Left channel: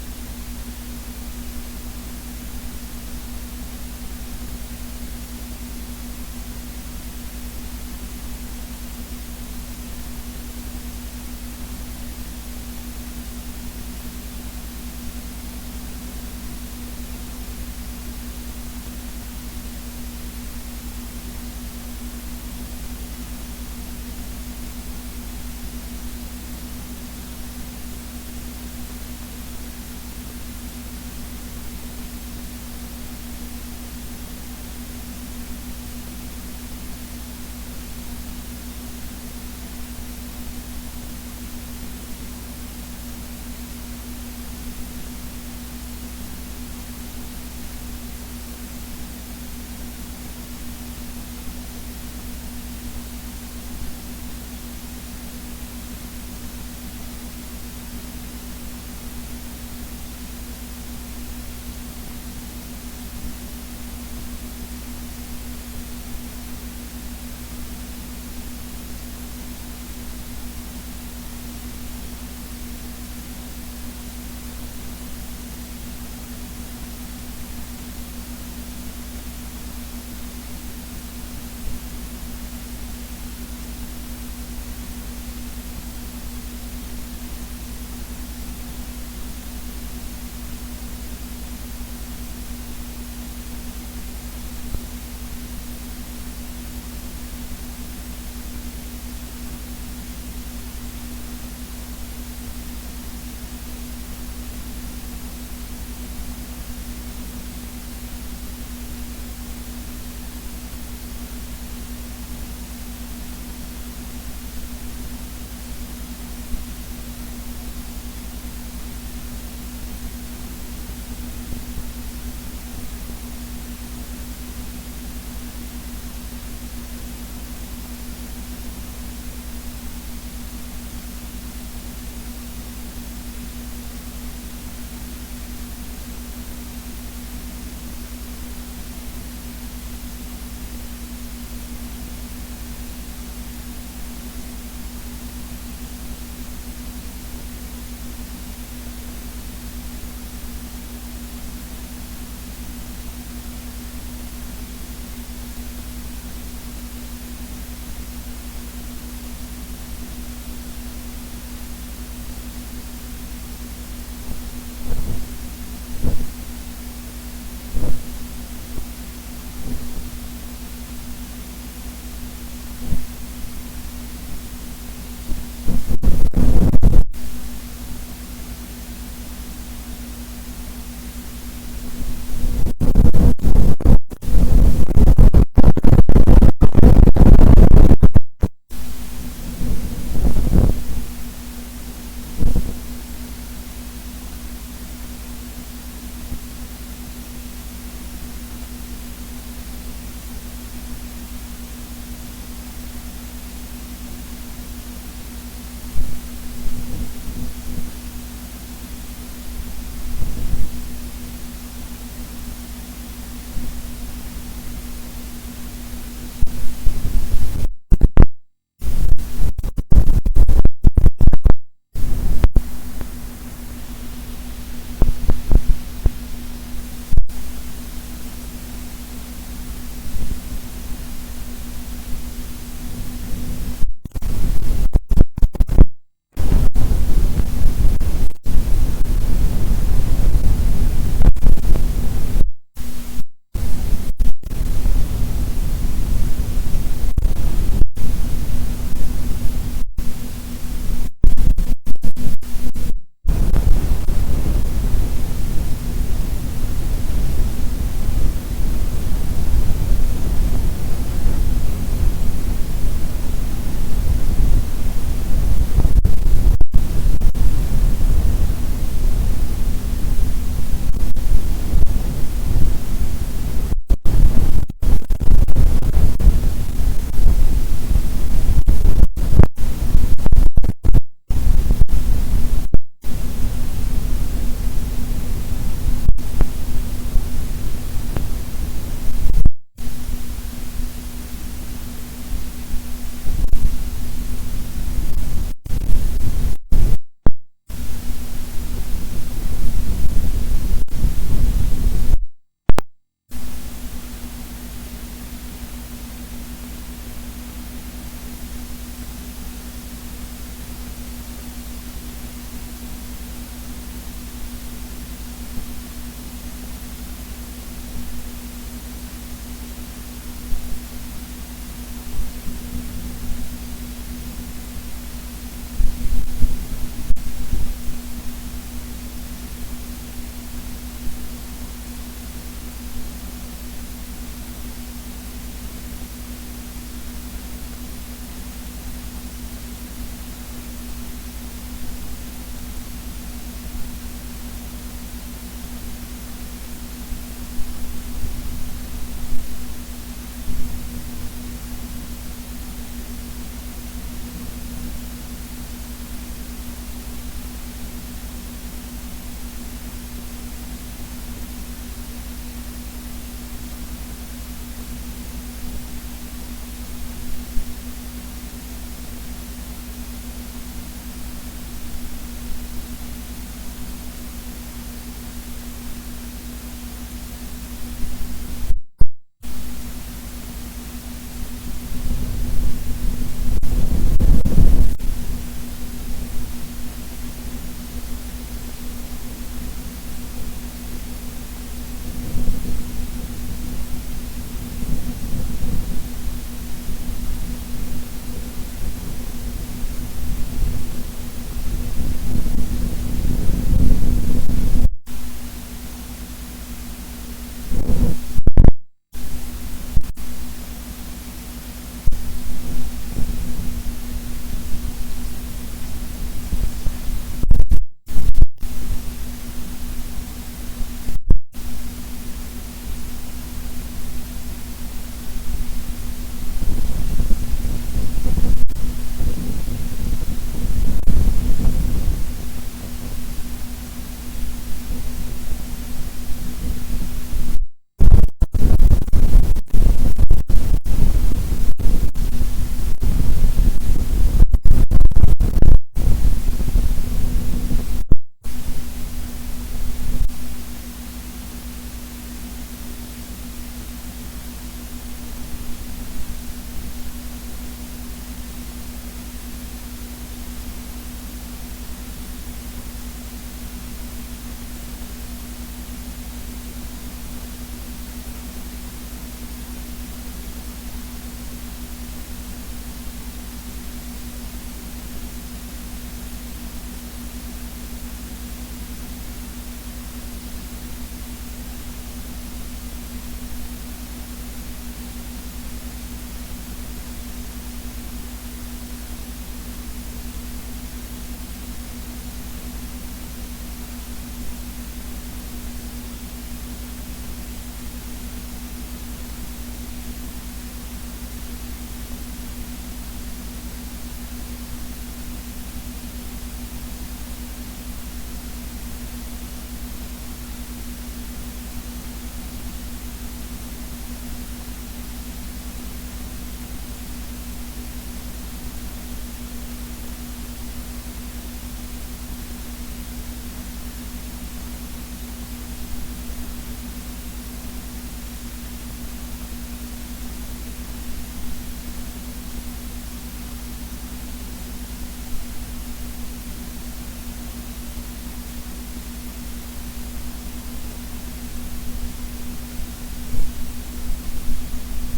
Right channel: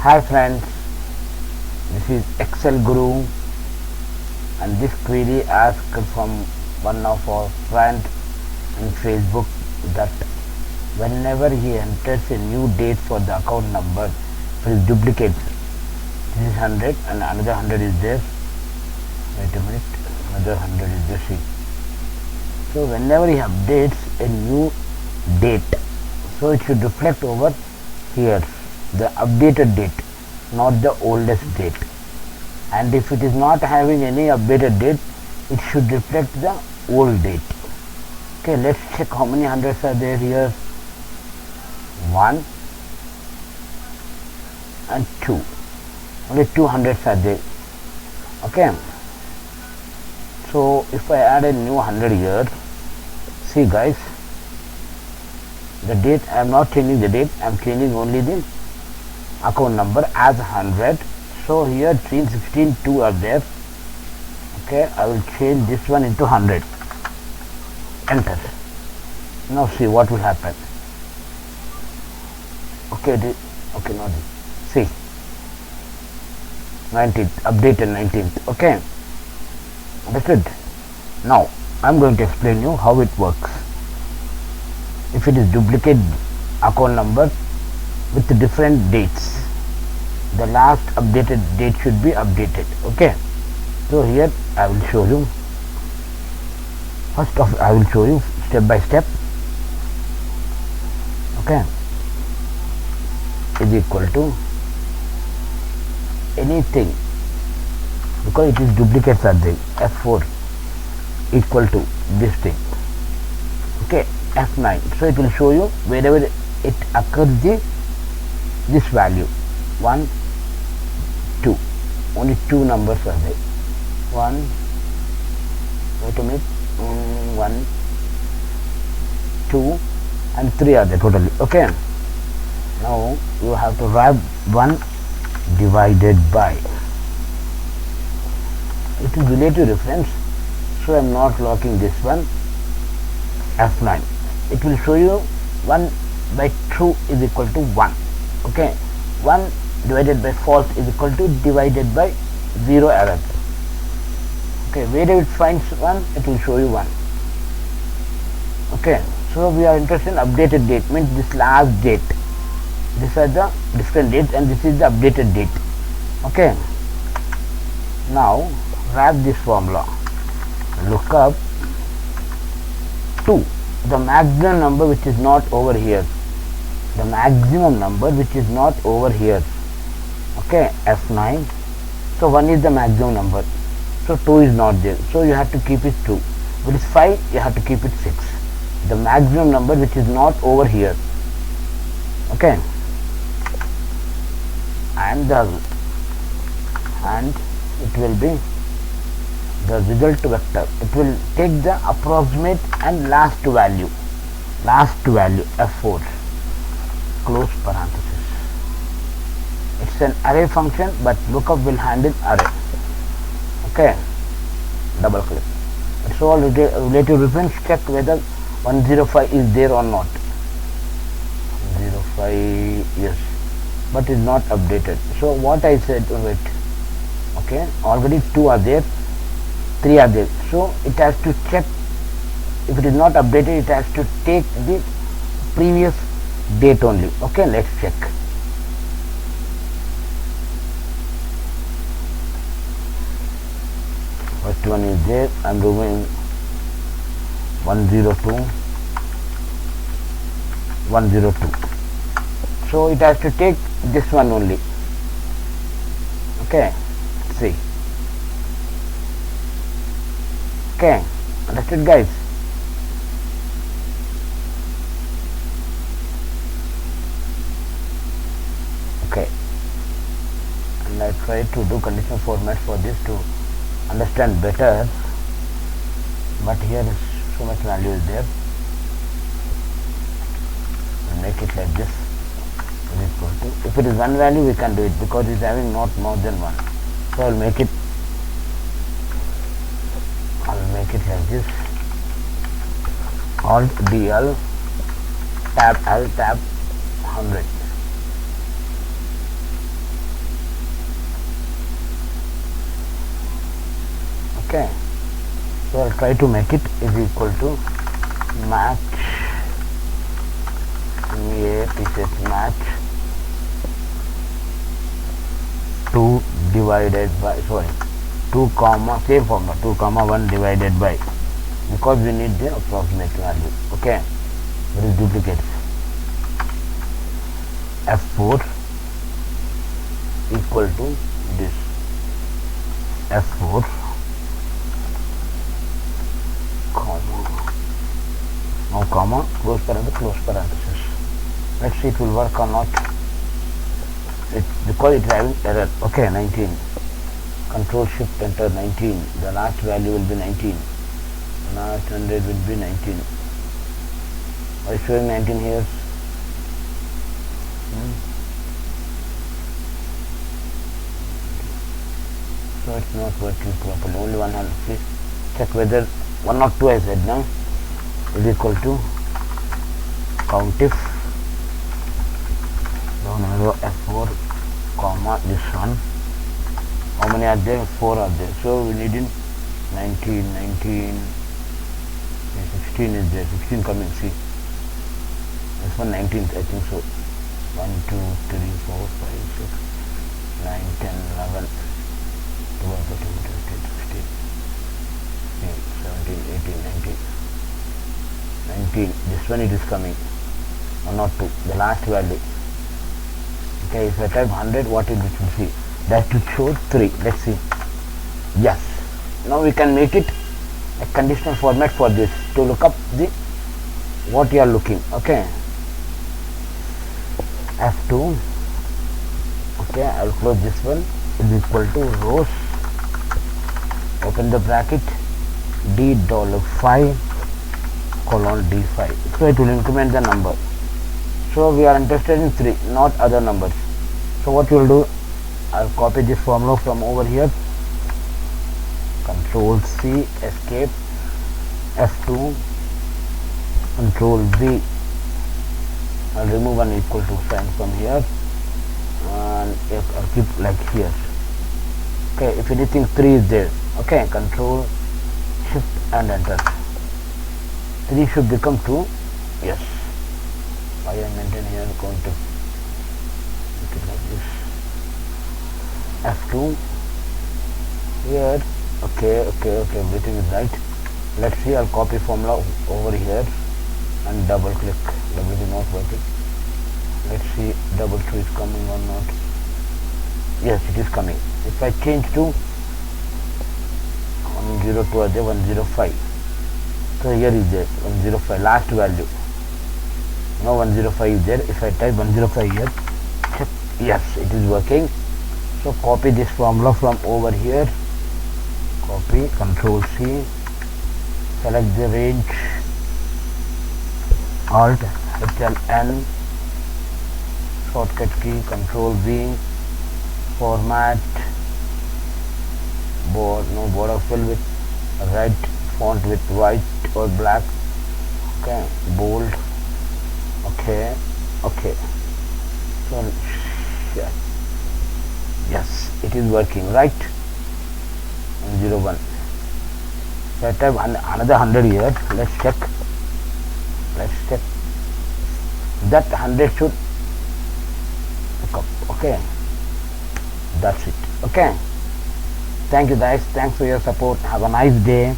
Hi friends, this is Excel Guru and this query asked from one of our friends on Facebook that whenever he enters a new date for the account number, his duplicates. This is 100 and another 100 is there. Wait a minute, another 100 is there. See. So whenever he updates a new date, so it should reflect over here the updated date, not the oldest date. And if it is not having any updated date, it should reflect the old date. Okay, let's check how many hundreds are there here. 1 and 2. Only 2 hundreds are there. Okay. So if I add a new 100 here, see guys, the date, I am not changing the date, I am changing only the account number as 100. So here 3, 16, 2 are there. Okay, I will change this one into 100. Enter. Now see what will happen. Okay, okay, not this. See, 19th, updated 19th. Okay, that's it. Now I am going to explain you how it works. If it is duplicate account number with different dates, the last updated date should be updated. Okay, so here I will show you. First of I will show you step by step. Okay, is equal to anything, because it is duplicates are there. F4 equal to this thing. Okay, F9. So it will show you wherever it occurs this value 1, 2. Only 2 numbers are there. 1. Wait a minute. 1, 2, and 3 are there totally. Okay. Now you have to write 1 divided by. It is relative reference, so I am not locking this one. F9. It will show you 1 by true is equal to 1. Okay. 1 divided by false is equal to divided by 0 error. Okay. Wherever it finds 1, it will show you 1. Okay. So we are interested in updated date, means this last date. These are the different dates and this is the updated date. Okay. Now wrap this formula. Look up 2, the maximum number which is not over here. The maximum number which is not over here. Okay, F9. So 1 is the maximum number. So 2 is not there. So you have to keep it 2. If it is 5, you have to keep it 6. The maximum number which is not over here. Okay. And it will be the result vector. It will take the approximate and last value. Last value F4. Close parenthesis. It's an array function, but lookup will handle array. Okay. Double click. It's all relative reference. Check whether 105 is there or not. 105, yes, but is not updated. So what I said, wait. Okay, already 2 are there, 3 are there. So it has to check. If it is not updated, it has to take the previous date only. Okay, let's check. First one is there. I am doing 102, 102. So it has to take this one only. Okay, see. Okay, understood guys? Okay, and I try to do conditional format for this to understand better, but here so much value is there. I'll make it like this. If it is one value, we can do it because it is having not more than 1. So I'll make it like this. Alt DL tab L tab 100. try to make it is equal to match match 2 divided by 2 comma same formula 2 comma 1 divided by, because we need the approximate value. Okay, there is duplicate. F4 equal to this F4 comma, now comma, close parenthesis. Let's see it will work or not. It's because it's having error. Okay, 19. Control shift enter 19. The last value will be 19. Last 100 will be 19. Are you showing 19 here? So it's not working properly. Only one hand. Please check whether 1 or 2 I said now is equal to countif F4 comma this one. How many are there? 4 are there. So we need in 19, 16 is there. 16 coming. See, this one 19, I think so. 1, 2, 3, 4, 5, 6, 9, 10, 11, 12, 13, 14, 15, 17, 18, 19. This one it is coming. 1 or 2. The last value. Okay, if I type 100, what is this? See, that should show 3. Let's see. Yes. Now we can make it a conditional format for this to look up the what you are looking. Okay. F2. Okay, I will close this one. Is equal to rows. Open the bracket. D$5 colon D5. So it will increment the number. So we are interested in 3, not other numbers. So what you will do, I will copy this formula from over here. Control C, escape, F2, Control V. I will remove an equal to sign from here, and I'll keep like here. Okay, if anything 3 is there, okay, Control Shift and enter. 3 should become 2. Yes. I am maintaining here going to make it like this. F2 here. Okay, everything is right. Let's see, I'll copy formula over here and double click. Everything not working. Let's see, double 2 is coming or not. Yes, it is coming. If I change to 102 are there, 105. So here is there 105 last value. Now 105 is there. If I type 105 here, check. Yes, it is working. So copy this formula from over here. Copy, Control C, select the range, Alt, HLN, shortcut key, Control V, format, border fill with red, font with white or black. Okay, bold. Okay. So yes, it is working, right? 01. So I type another 100 here. Let's check. That 100 should pick up. Okay, that's it. Okay, thank you guys. Thanks for your support. Have a nice day.